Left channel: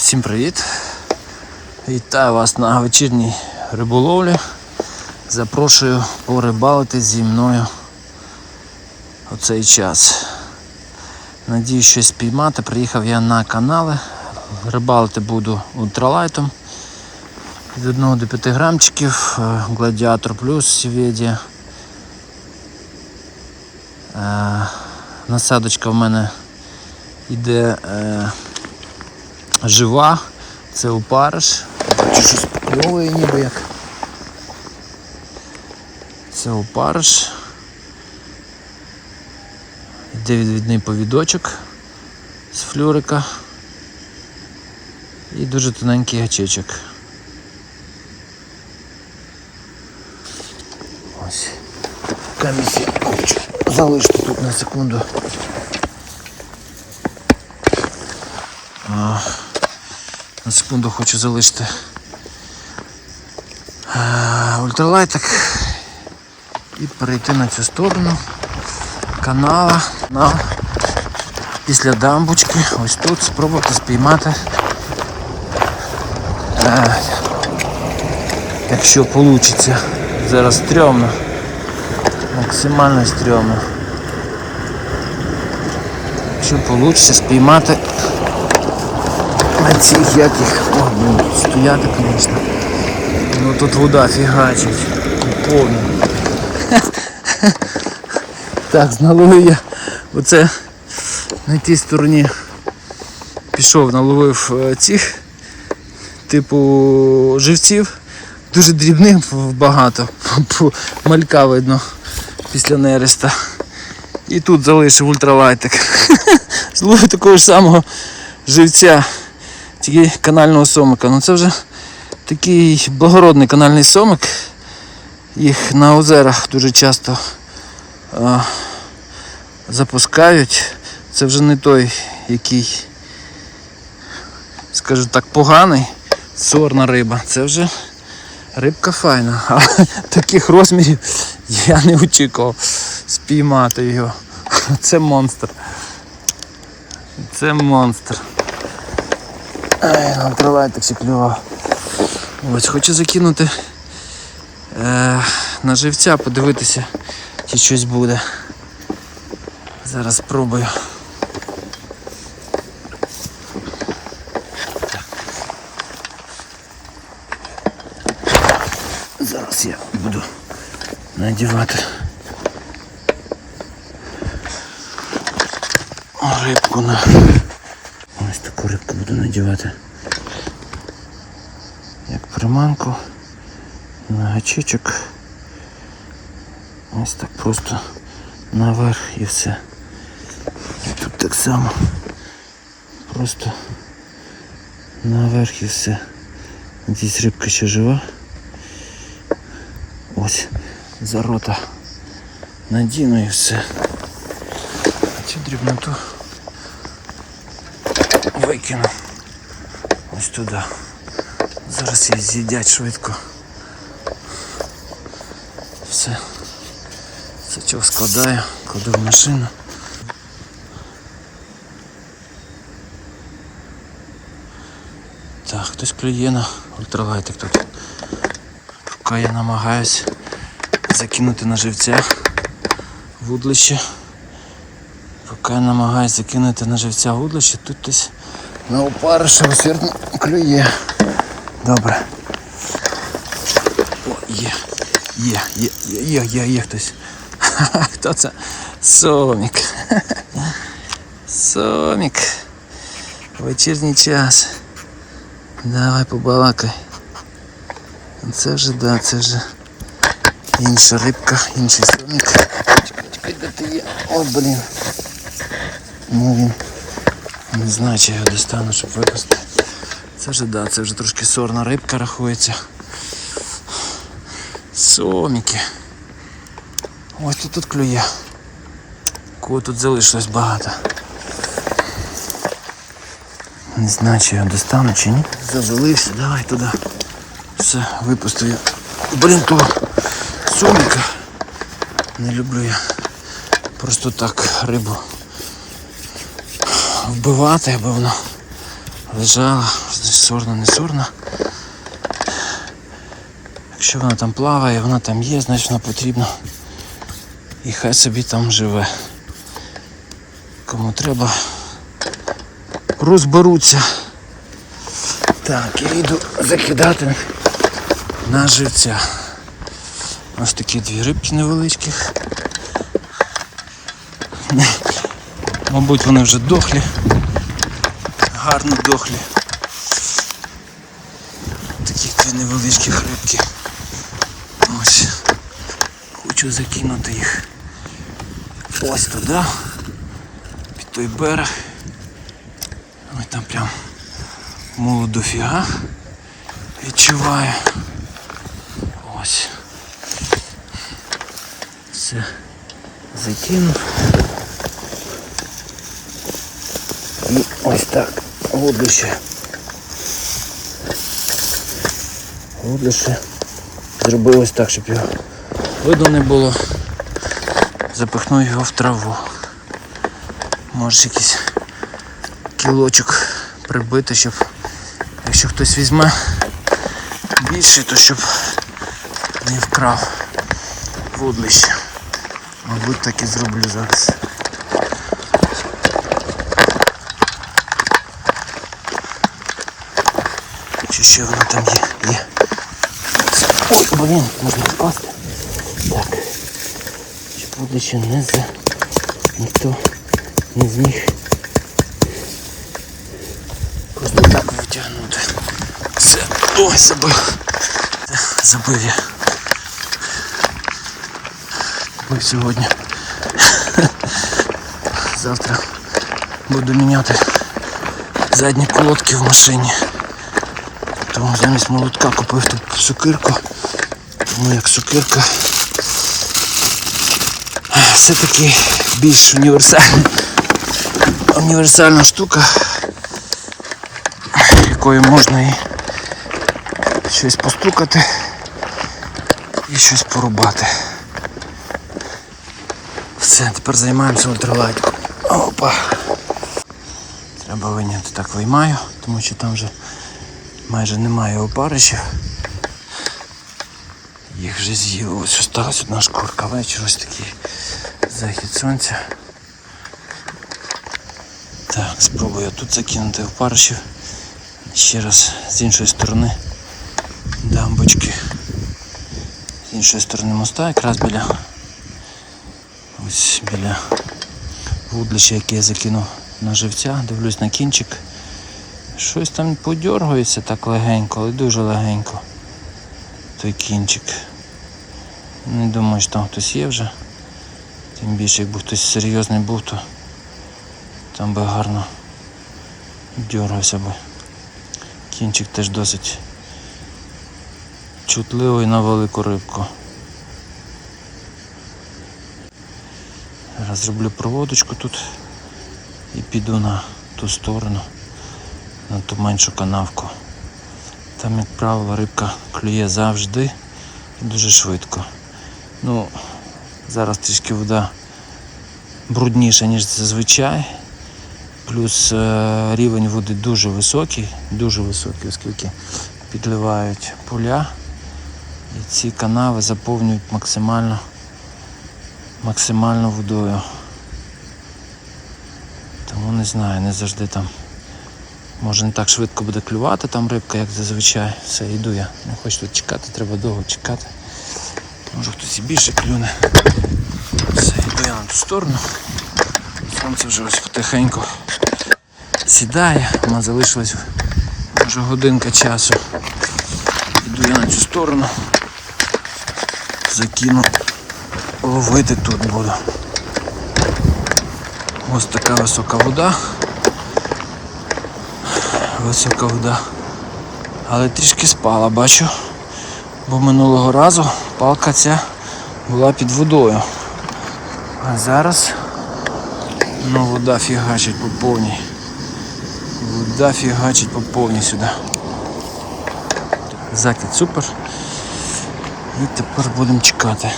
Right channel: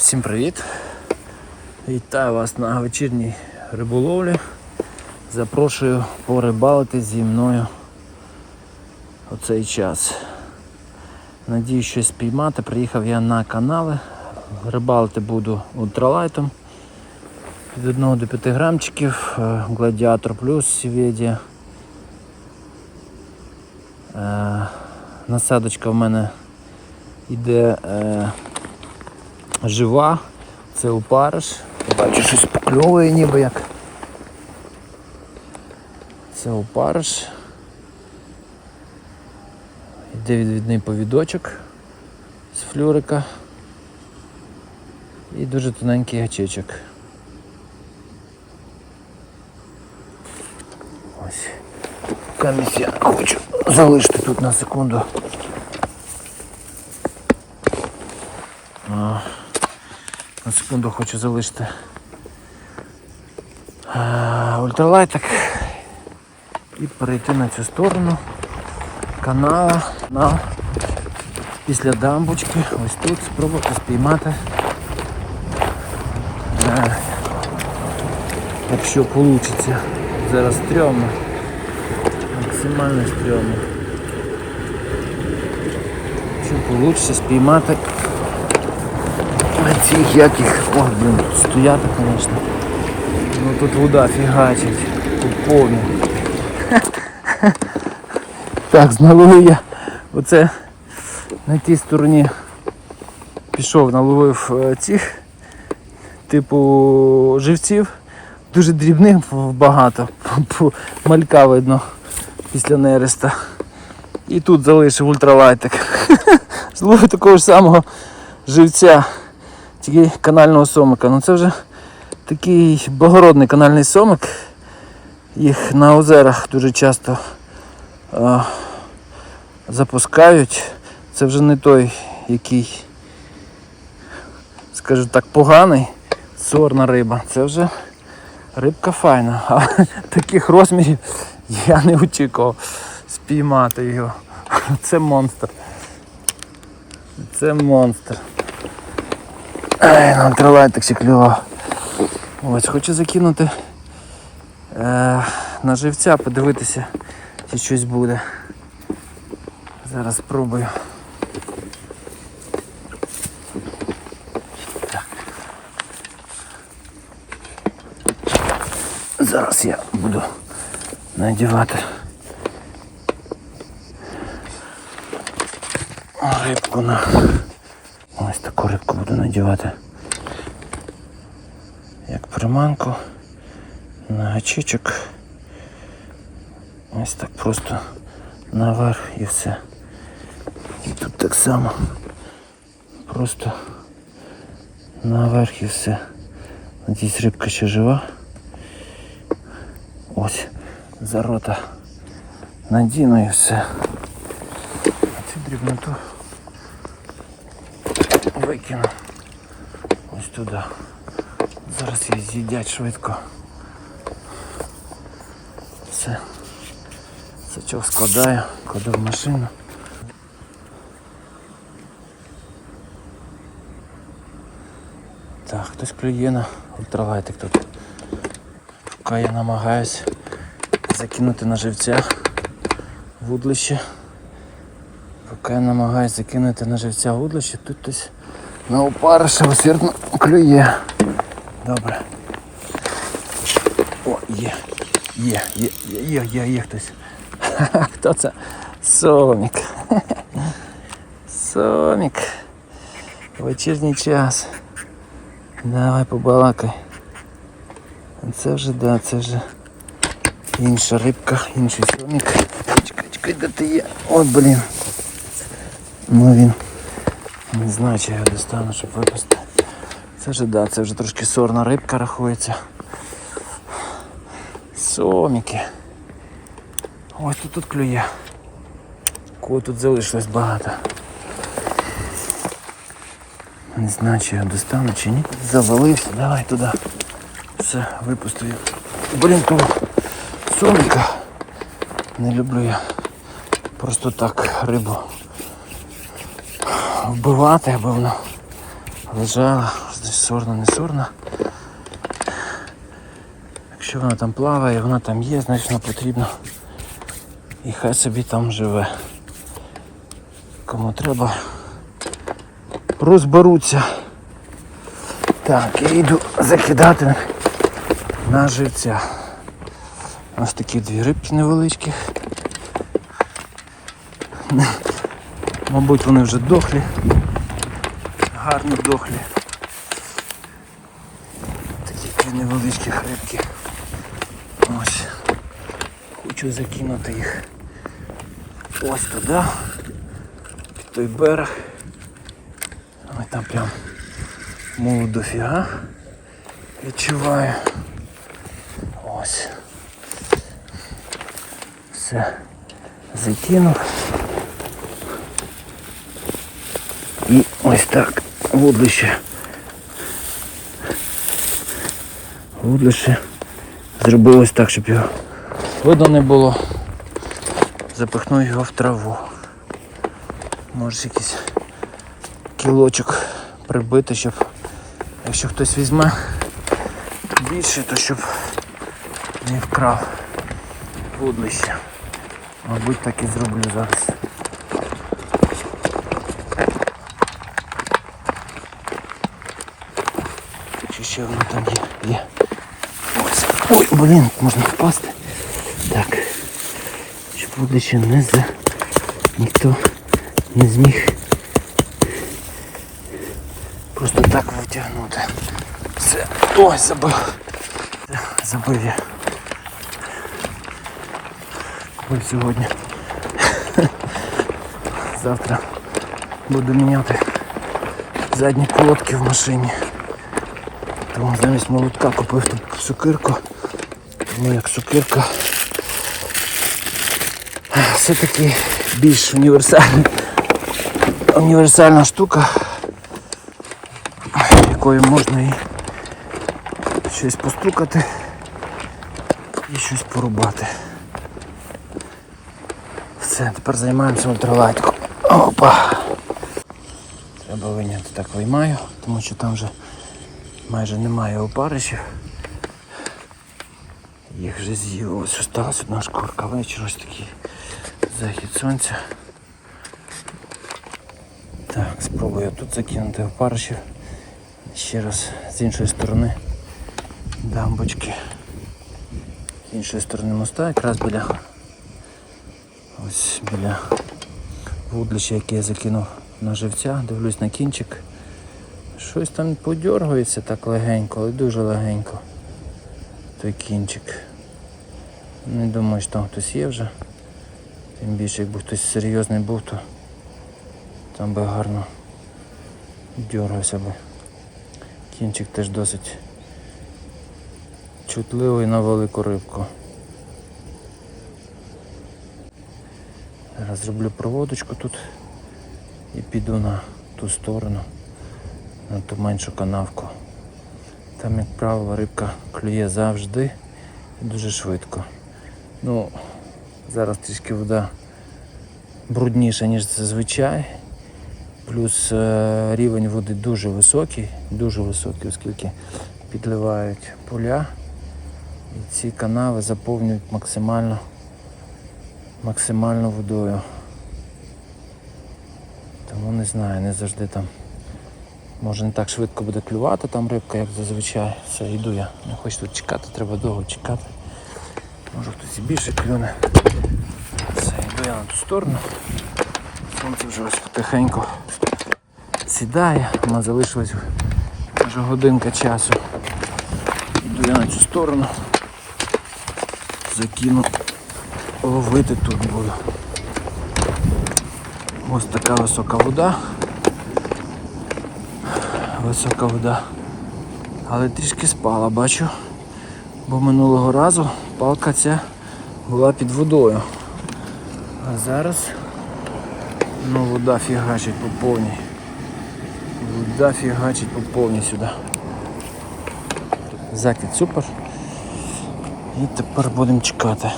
Всім привіт! Вітаю вас на вечірній риболовлі. Запрошую порибалити зі мною у цей час. Надію щось спіймати. Приїхав я на канали. Рибалити буду ультралайтом. Від 1 до 5 грамчиків. е, Гладіатор плюс Сіведія. Е, Насадочка в мене йде е, жива, це опариш. Бачу, щось пльовує ніби як. Це опариш. Йде відвідний повідочок з флюрика. І дуже тоненький гачечок. Ось. Камісь я хочу залишити тут на секунду. А, на секунду хочу залишити ультралайтик і перейти на цю сторону канала на після дамбочки. Ось тут спробувати спіймати. А, якщо вийде. Зараз стрьомно. Максимально стрьомно. Якщо вийде спіймати на цих яких. Ох, блин, стояти, звісно. Ну тут вода фігачить. Тут повно. Так, зналовив я оце на тій стороні пішов, наловив е, цих типу живців. Дуже дрібних багато. Малька видно після нереста. І тут залишив ультралайтик. Зловив такого ж самого живця тільки канального сомика. Ну це вже такий благородний канальний сомик. Їх на озерах дуже часто а, запускають. Це вже не той, який, скажу так, поганий, сорна риба. Це вже рибка файна. Але таких розмірів я не очікував спіймати його. Це монстр. Це монстр. Ай, нам триває ще клював. Ось, хочу закинути е, на живця, подивитися, чи щось буде. Зараз спробую. Зараз я буду надівати рибку на. Ось таку рибку буду надівати. Як приманку на гачечок. Ось так просто наверх і все. І тут так само. Просто наверх і все. Надіюсь, рибка ще жива. Ось за рота надіну і все. А цю дрібноту викину ось туди. Зараз її з'їдять швидко. Все. Сачок складаю, кладу в машину. Так, хтось клює на ультралайтик тут. Поки я намагаюсь закинути на живця вудлище. Поки я намагаюсь закинути на живця вудлище, тут хтось на опариша усердно клює. Добре. О, є. Є, є, є, є, є, є хтось. Хто це? Сомік. Сомік. Вечірній час. Давай побалакай. Це вже, да, це вже інша рибка, інший сомік. Чекай, чекай, де ти є? От, блін. Ну він. Не знаю, чи я його достану, щоб випасти. Це вже, да, це вже трошки сорна рибка рахується. Соміки. Ось тут тут клює. Кого тут залишилось багато. Не знаю, чи я достану чи ні. Завалився, давай туди. Все, випустив. Блін, того соміка. Не люблю я просто так рибу вбивати, аби вона лежала, значить сорна, не сорна. Якщо вона там плаває, вона там є, значить вона потрібна. І хай собі там живе. Кому треба, розберуться. Так, я йду закидати на живця. Ось такі дві рибки невеличкі. Мабуть, вони вже дохлі. Гарно дохлі. Такі дві невеличкі рибки. Ось. Хочу закинути їх ось туди, під той берег. Ой, там прям молодь дофіга відчуваю. Ось. Все. Закинув. І ось так. Вудлище. Вудлище. Зробив ось так, щоб його видно не було. Запихнув його в траву. Може якийсь кілочок прибити, щоб якщо хтось візьме більше, то щоб не вкрав вудлище. Мабуть, так і зроблю зараз. Чи ще воно там є? Є. Ой, блін, можна впасти. Так. Щоб вудлище не за... ніхто не зміг просто так витягнути. Все. Ой, забив. Забив я. Забив сьогодні. Завтра буду міняти задні колодки в машині. Тому замість молотка купив тут сокирку. Тому як сокирка все-таки більш універсальна, універсальна штука, якою можна і щось постукати і щось порубати. Все, тепер займаємося ультралайтиком. Опа. Треба виняти так виймаю, тому що там вже майже немає опаришів. Їх вже з'їли. Ось осталась одна шкурка. Вечір ось такий захід сонця. Так, спробую тут закинути опаришів. Ще раз з іншої сторони дамбочки. З іншої сторони моста, якраз біля ось біля вудлища, яке я закинув на живця, дивлюсь на кінчик. Щось там подьоргується так легенько, але дуже легенько. Той кінчик. Не думаю, що там хтось є вже. Тим більше, якби хтось серйозний був, то там би гарно дьоргався би. Кінчик теж досить чутливий на велику рибку. Зараз зроблю проводочку тут і піду на ту сторону, на ту меншу канавку. Там, як правило, рибка клює завжди і дуже швидко. Ну, зараз трішки вода брудніша, ніж зазвичай. Плюс е, рівень води дуже високий, дуже високий, оскільки підливають поля. І ці канави заповнюють максимально, максимально водою. Тому не знаю, не завжди там. Може не так швидко буде клювати там рибка, як зазвичай. Все, йду я. Не хочу тут чекати, треба довго чекати. Може хтось і більше клюне. Все, йду я на ту сторону. Сонце вже ось потихеньку сідає, у мене залишилось може годинка часу. Йду я на цю сторону. Закину. Ловити тут буду. Ось така висока вода. Висока вода. Але трішки спала, бачу. Бо минулого разу палка ця була під водою. А зараз ну, вода фігачить по повній. Вода фігачить по повній сюди. Закид супер. І тепер будемо чекати.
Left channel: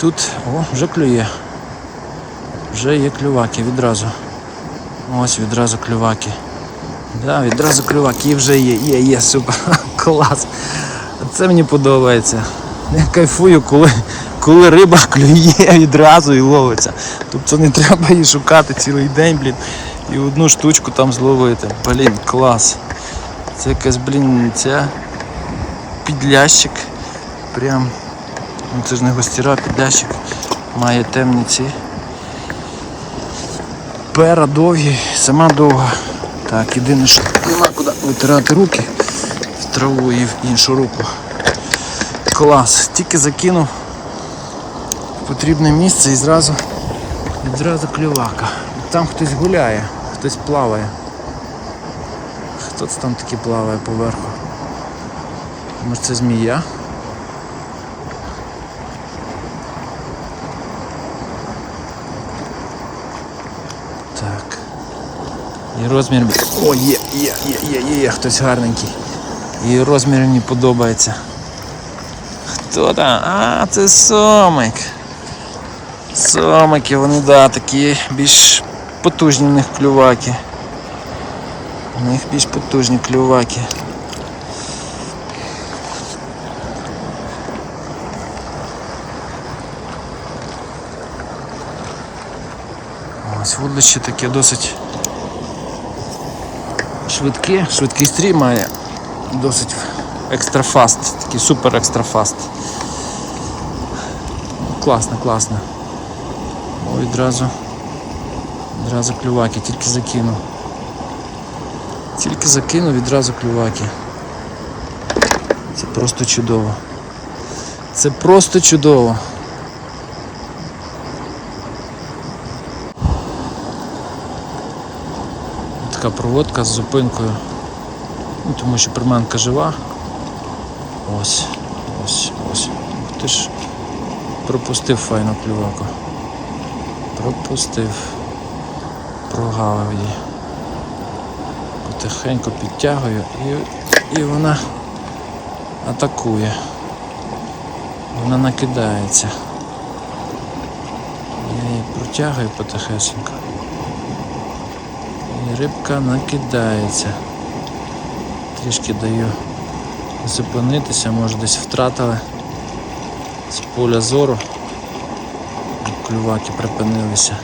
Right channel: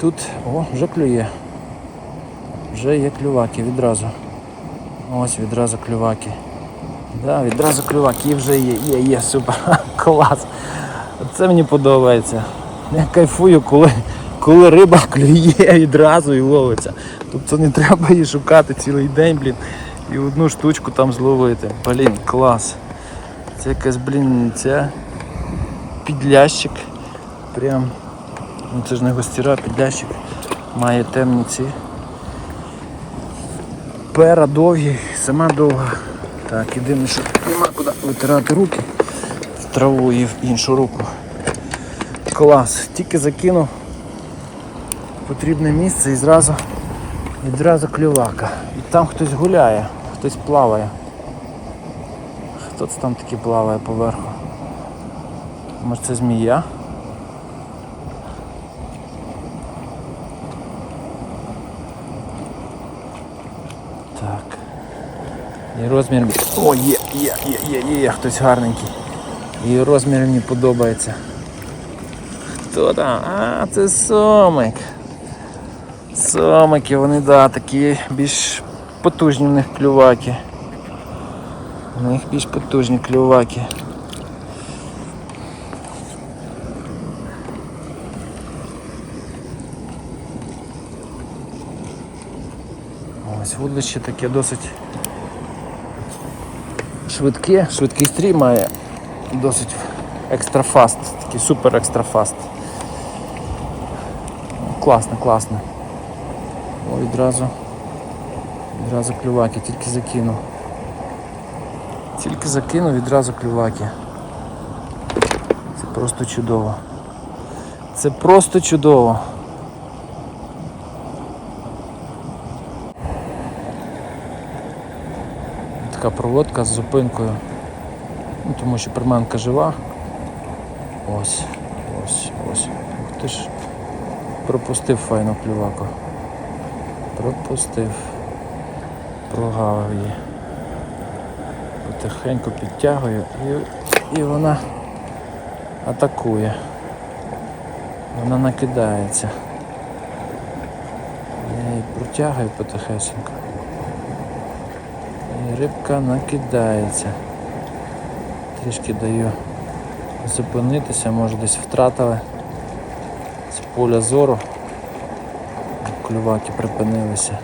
Тут, о, вже клює. Вже є клюваки відразу. Ось відразу клюваки. Да, відразу клювак, і вже є, є, є, супер, клас. Це мені подобається. Я кайфую, коли, коли риба клює відразу і ловиться. Тобто не треба її шукати цілий день, блін, і одну штучку там зловити. Блін, клас. Це якась, блін, ця підлящик. Прям. Ну це ж не гостіра, підлящик. Має темні ці. Пера довгі, сама довга. Так, єдине, що нема куди витирати руки в траву і в іншу руку. Клас. Тільки закинув потрібне місце і зразу відразу клювака. І там хтось гуляє, хтось плаває. Хто це там таки плаває поверху? Може це змія? Так. І розмір. О, є, є, є, є, є, хтось гарненький. І розмір мені подобається. Хто там? А, це сомик. Сомики, вони да, такі більш потужні в них клюваки. У них більш потужні клюваки. Ось вудлище таке досить швидке, швидкий стрій має досить екстра фаст, такий супер екстра фаст. Ну, класно, класно. О, відразу. Відразу клюваки, тільки закинув. Тільки закинув, відразу клюваки. Це просто чудово. Це просто чудово. Така проводка з зупинкою. Ну, тому що приманка жива. Ось, ось, ось. Ух ти ж. Пропустив файну клюваку. Пропустив. Прогавив її. Потихеньку підтягую і, і вона атакує. Вона накидається. Я її протягую потихесенько. Рибка накидається. Трішки даю зупинитися, може десь втратили з поля зору. Клюваки припинилися.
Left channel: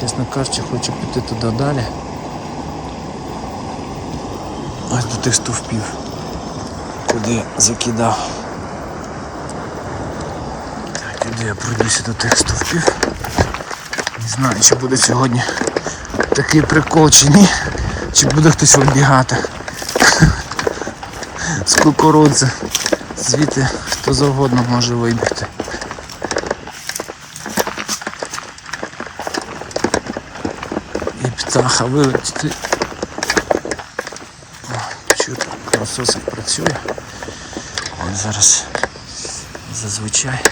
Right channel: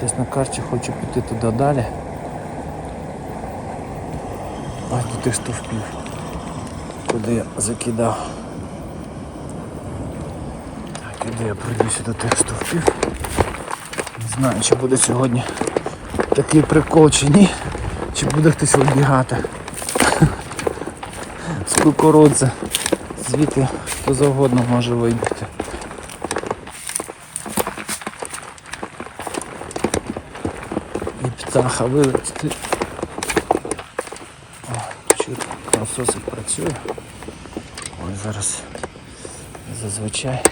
Чесно кажучи, хочу піти туди далі. Ось до тих стовпів, куди я закидав. Так, іду я пройдуся до тих стовпів. Знаю, чи буде сьогодні такий прикол чи ні, чи буде хтось вибігати з кукурудзи. Звідти хто завгодно може вибігти. І птаха вилетіти. О, чути, насосик працює. Він зараз зазвичай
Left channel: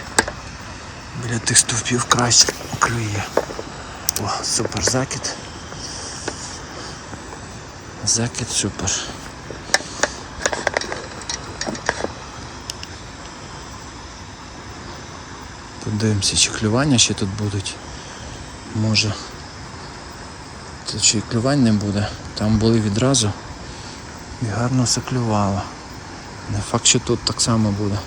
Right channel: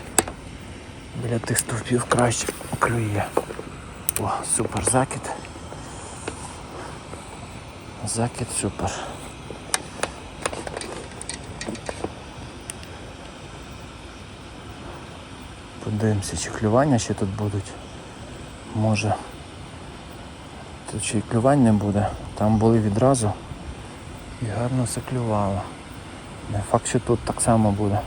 біля тих стовпів краще клює. О, супер закид. Закид супер. Подивимося, чи клювання ще тут будуть. Може. Тут й клювань не буде. Там були відразу і гарно все клювало. Не факт, що тут так само буде.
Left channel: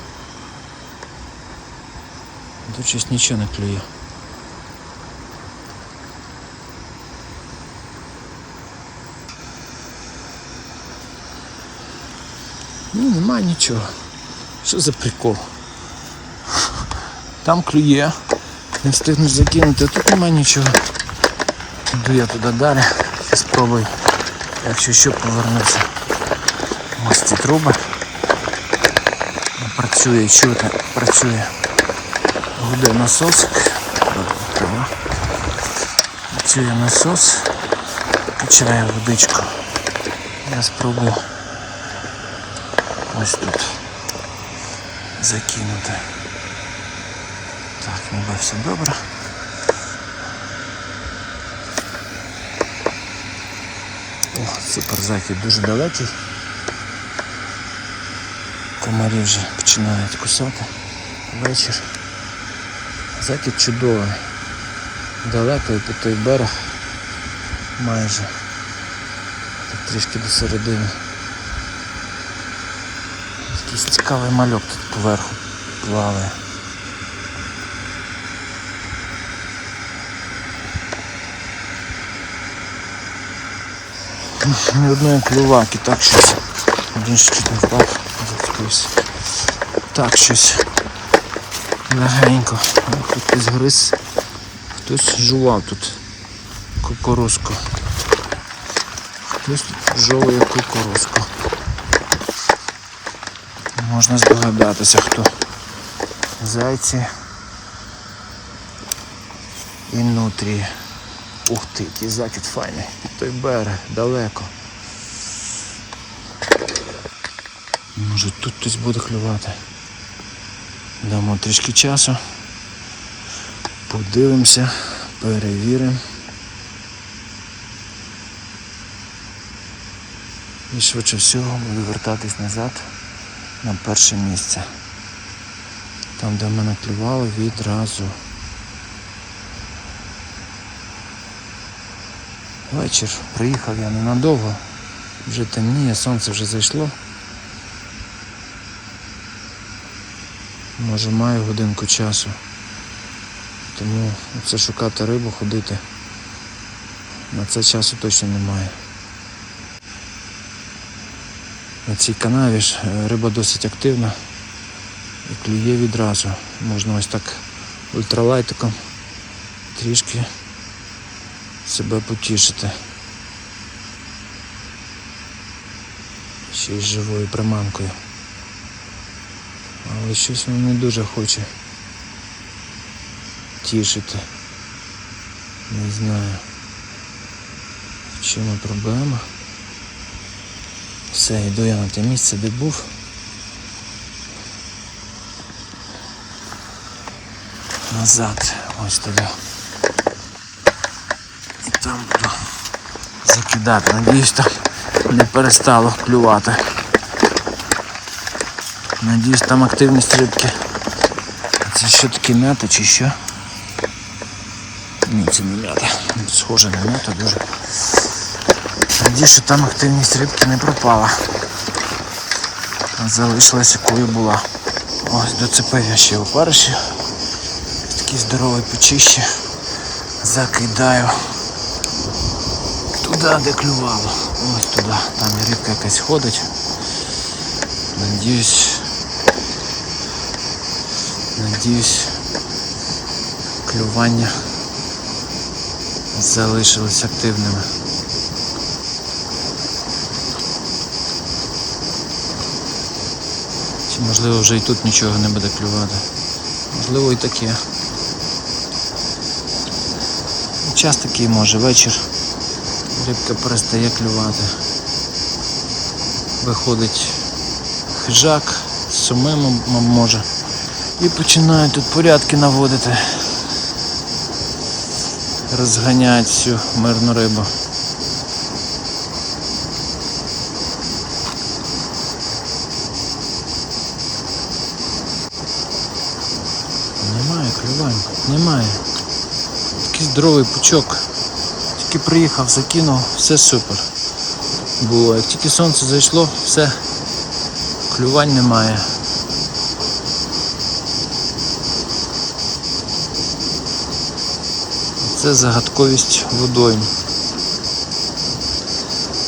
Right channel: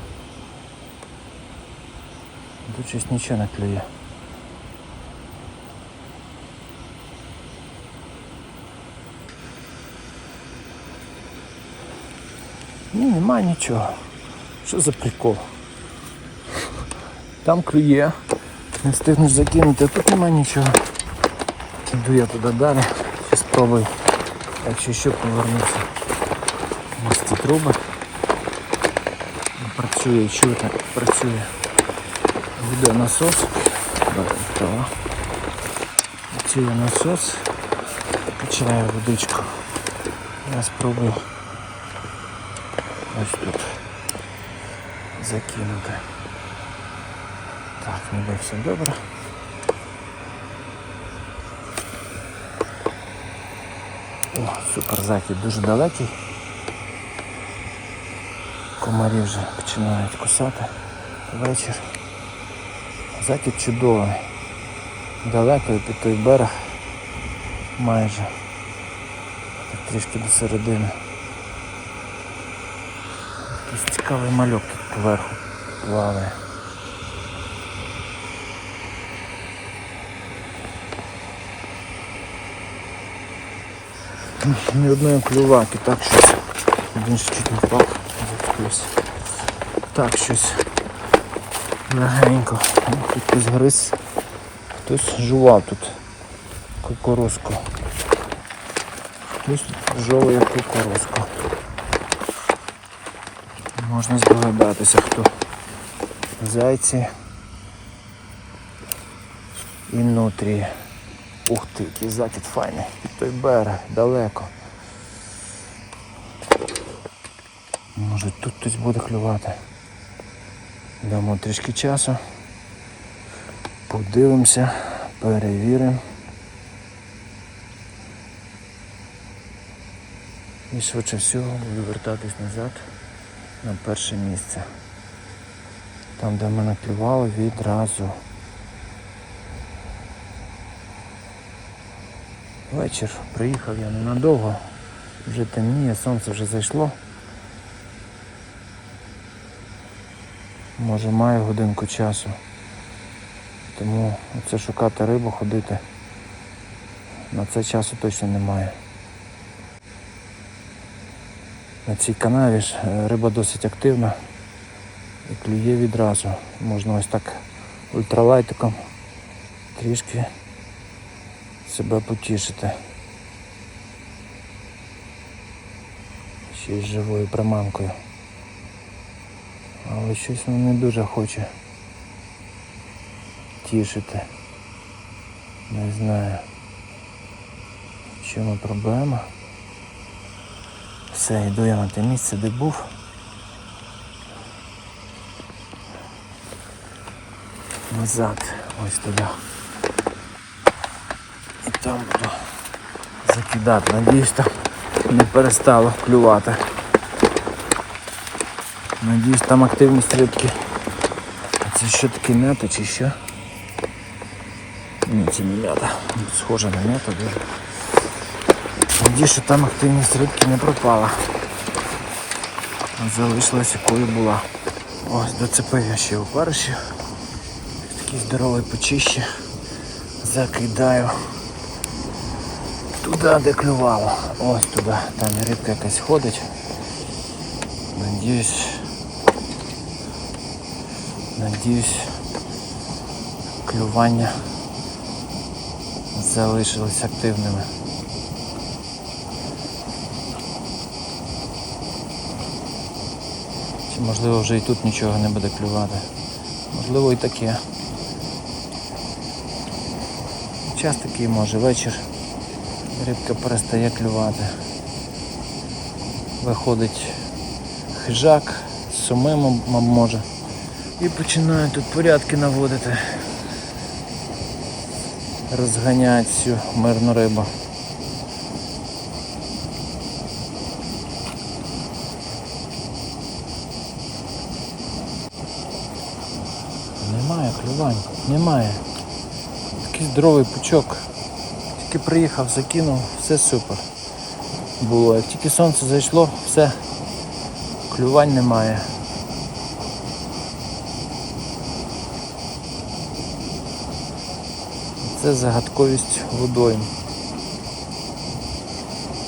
Тут щось нічого не клює. Ні, нема нічого. Що за прикол? Там клює. Не встигнеш закинути, а тут нема нічого. Йду я туди далі і спробую, якщо що повернуся. Ось ці труби. Працює, чути, працює. Гуде насос. Працює насос. Качає водичку. Я спробую ось тут закинути. Так, ніби все добре. О, супер захід дуже далекий. Комарі вже починають кусати. Вечір. Захід чудовий. Далеко під той берег. Майже. Так трішки до середини. Якийсь цікавий мальок тут поверху плаває. Ні одної клюваки, так щось. Один ще чуть не впав, зацепився. Так щось легенько. Тут хтось гриз, хтось жував тут кукурузку. Хтось тут жовує кукурузку. Можна здогадатися, хто. Зайці і нутрії. Ух ти, який закид файний. Під той берег, далеко. Може тут хтось буде клювати. Дамо трішки часу. Подивимося, перевіримо. І швидше всього буду вертатись назад на перше місце. Там, де в мене клювало відразу. Вечір приїхав я ненадовго, вже темніє, сонце вже зайшло. Може маю годинку часу. Тому це шукати рибу, ходити. На це часу точно немає. На цій канаві ж е, риба досить активна і клює відразу. Можна ось так ультралайтиком трішки себе потішити. Ще й живою приманкою. Але щось воно не дуже хоче тішити. Не знаю. В чому проблема. Все, йду я на те місце, де був. Назад, ось туди. І там буду закидати. Надіюсь, там не перестало клювати. Надіюсь, там активність рибки. А це що таке м'ята чи що? Ні, це не м'ята. Схоже на м'яту дуже. Надіюсь, що там активність рибки не пропала. Залишилась якою була. Ось доцепив я ще опариші. Такий здоровий почище. Закидаю туди, де клювало. Ось туди. Там рибка якась ходить. Надіюсь. Надіюсь, клювання залишились активними. Можливо вже і тут нічого не буде клювати. Можливо і таке. Час такий може вечір. Рибка перестає клювати. Виходить хижак, сумим може. І починають тут порядки наводити. Розганяють всю мирну рибу. Немає клювань, немає. Такий здоровий пучок. Тільки приїхав, закинув, все супер. Було. Як тільки сонце зайшло, все, клювань немає. Це загадковість водойм.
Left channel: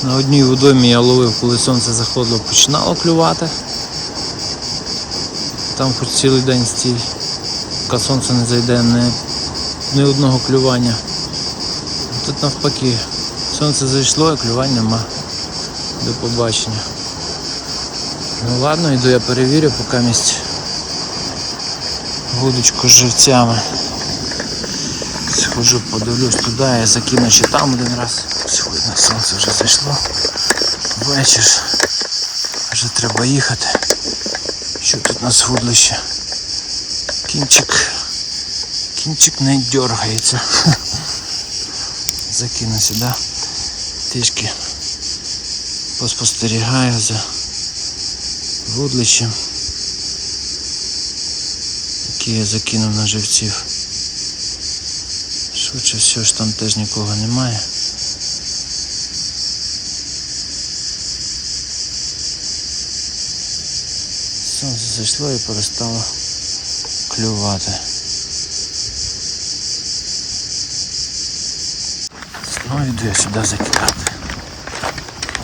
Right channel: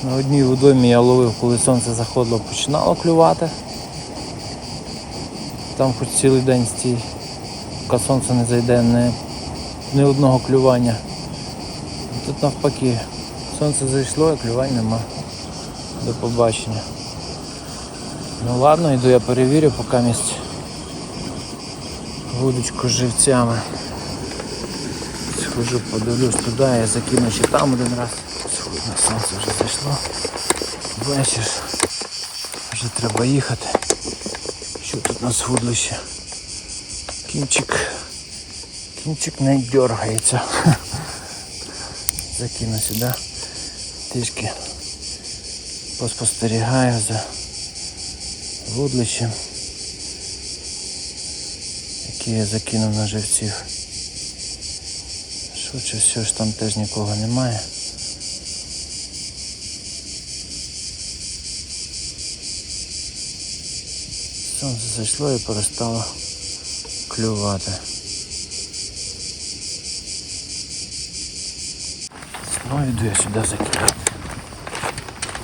На одній водоймі я ловив, коли сонце заходило, починало клювати. Там хоч цілий день стій, поки сонце не зайде, не, ні одного клювання. Тут навпаки, сонце зайшло, а клювань нема. До побачення. Ну ладно, йду я перевірю, поки місць вудочку з живцями. Схожу, подивлюсь туди, я закину ще там один раз. Сьогодні сонце вже зайшло. Вечір. Вже треба їхати. Що тут у нас вудлище? кінчик кінчик не дергається. Закину сюди, трішки поспостерігаю за вудлищем, яке я закинув на живців. Швидше все ж там теж нікого немає. Сонце зайшло і перестало. Клювати. Знову йду я сюди закидати.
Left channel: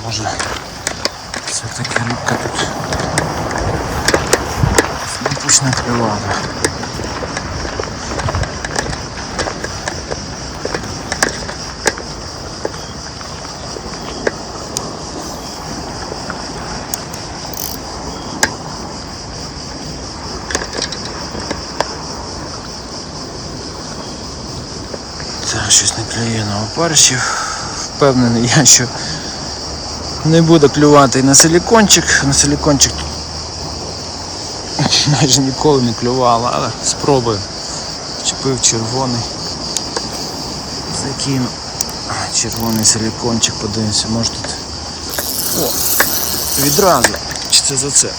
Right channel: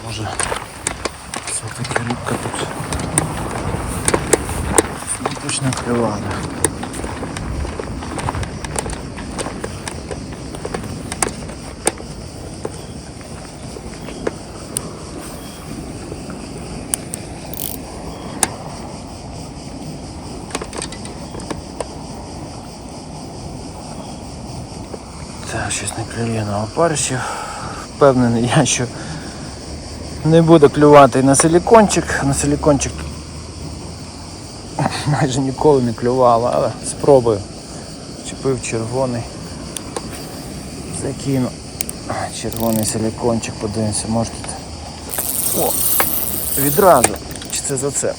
Може все-таки рибка тут знову почне клювати. Клює на. Впевнений я, що не буде клювати на силікончик. На силікончик майже ніколи не клювало, але спробую. Чепив червоний. Закину. Червоний силікончик, подивимося, може тут. О! Відразу. Чи це зацеп?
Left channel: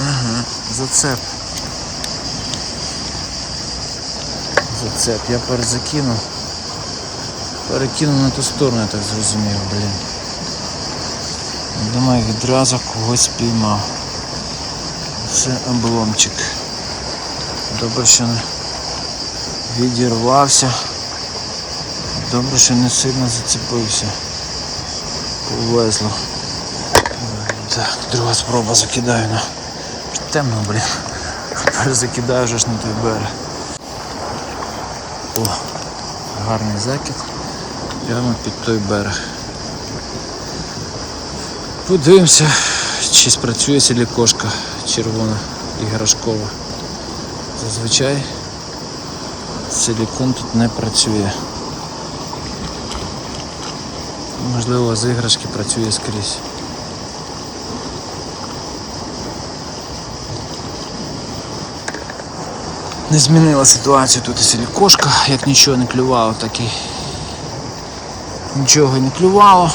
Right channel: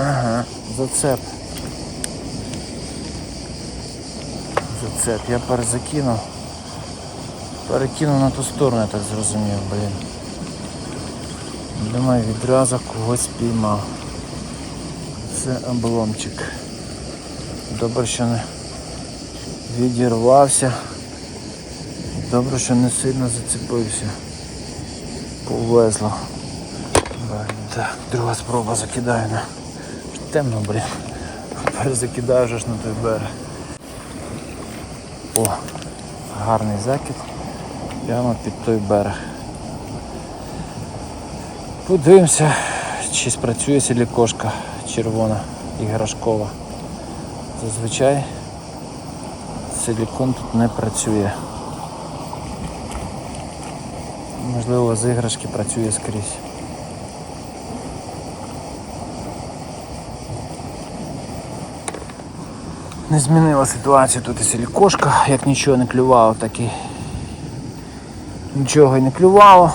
Ага, зацеп. Зацеп. Я перезакинув. Перекинув на ту сторону, я так зрозумів, блін. Думаю, відразу когось спіймав. Це обломчик. Добре, що не відірвався. Добре, що не сильно зацепився. Повезло. Так, друга спроба закидаю на. Темно, блін. Перезакидаю вже ж на той берег. О, гарний закид. Прямо під той берег. Подивимося, чи спрацює сілікошка червона іграшкова. Зазвичай силікон тут не працює. Можливо, з іграшки працює скрізь. Не змінила ситуацію тут і силікошка, як нічого не клювало, так і нічого не клювало.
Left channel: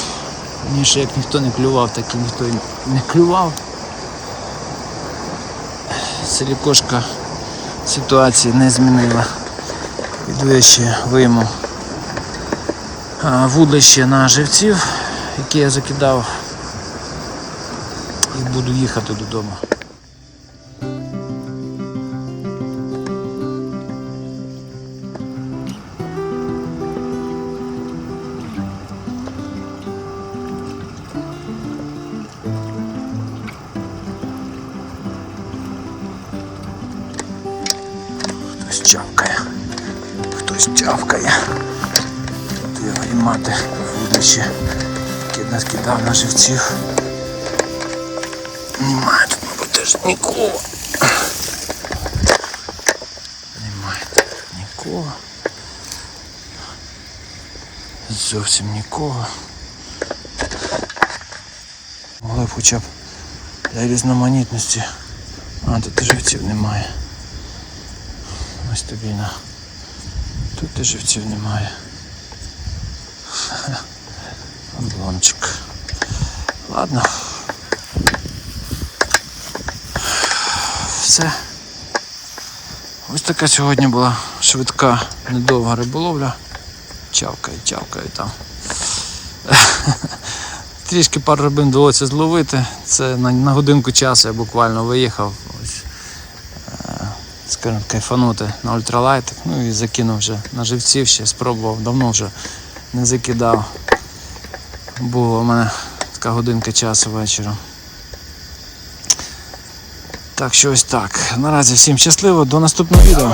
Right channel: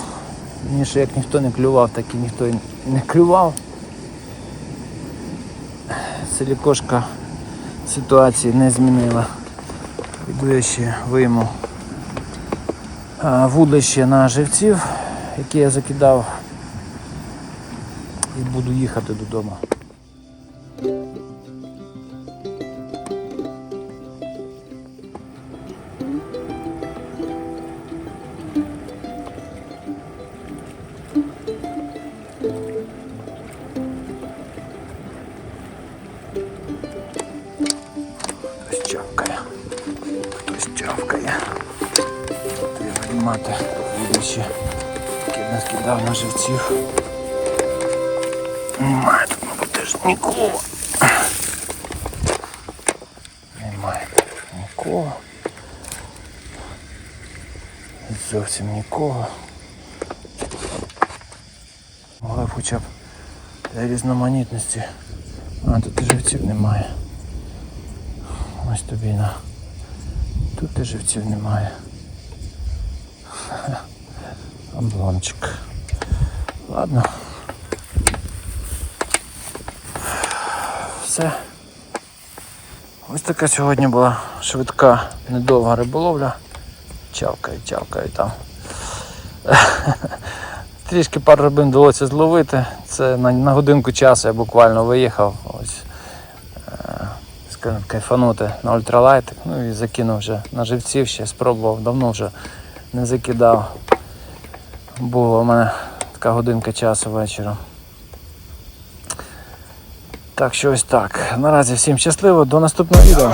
Ніше як ніхто не клював, так і ніхто не клював. Силікошка ситуації не змінила. Іду я ще вийму вудлище на живців, які я закидав, і буду їхати додому. Яке нас кидав на живців. Немає тут, мабуть, теж нікого. Немає нікого. Зовсім нікого. Могли б хоча б для різноманітності. А, тут і живців немає. Ось тобі на. Тут і живців немає. Обломчик. Ладно. Все. Ось така сьогодні була швидка, недовга риболовля. Чавкає, чавкає там. Трішки пару рибин довелося зловити. Це на, на годинку часу я буквально виїхав. Ось скажімо, кайфанути на ультралайтик. Ну і закинув вже на живців, ще спробував, давно вже не закидав. Була у мене така годинка часу вечором. Так що ось так. Наразі всім щасливо, до наступного відео.